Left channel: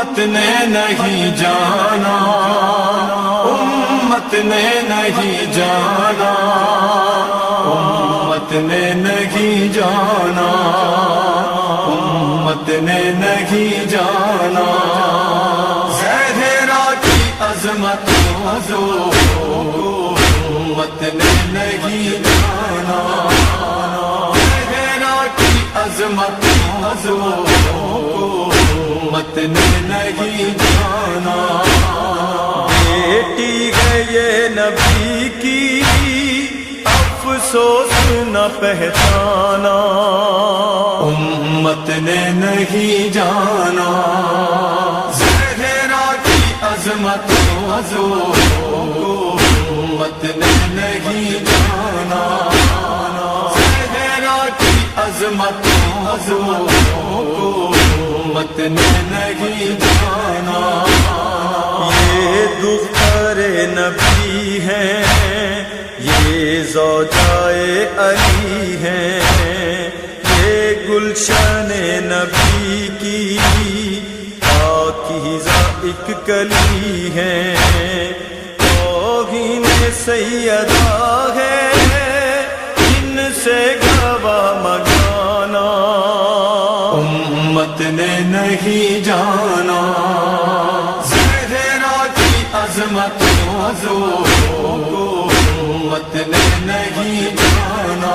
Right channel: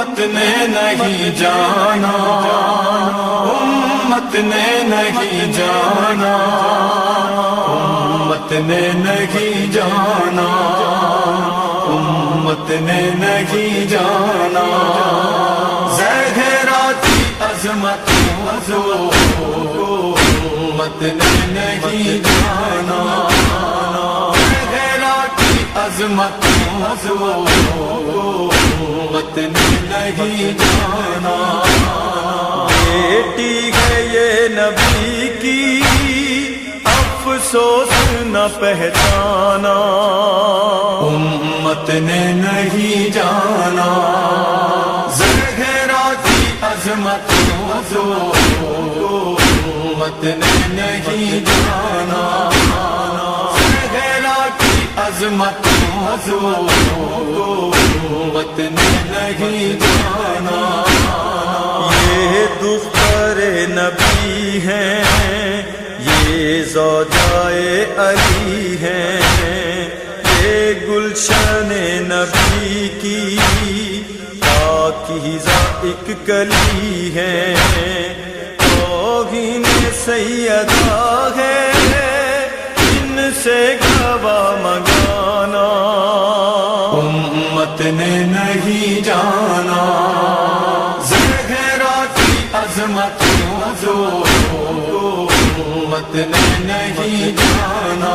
امت نے نہیں جانا، امت نے نہیں جانا، امت نے نہیں جانا، امت نے نہیں جانا، زہرا کی عظمت امت نے نہیں جانا، زہرا کی عظمت امت نے نہیں جانا، بیٹی ہے یہ نبی کی افسوس نہ پہچانا، امت نے نہیں جانا، زہرا کی عظمت امت نے نہیں جانا، زہرا کی عظمت امت نے نہیں جانا، یہ دختر نبی ہیں، یہ زوجائے علی ہیں، یہ گلشن نبی کی پاکیزہ ایک کلی ہیں، توہین سیدہ ہے ان سے گواہ منگانا، امت نے نہیں جانا، زہرا کی عظمت امت نے نہیں جانا،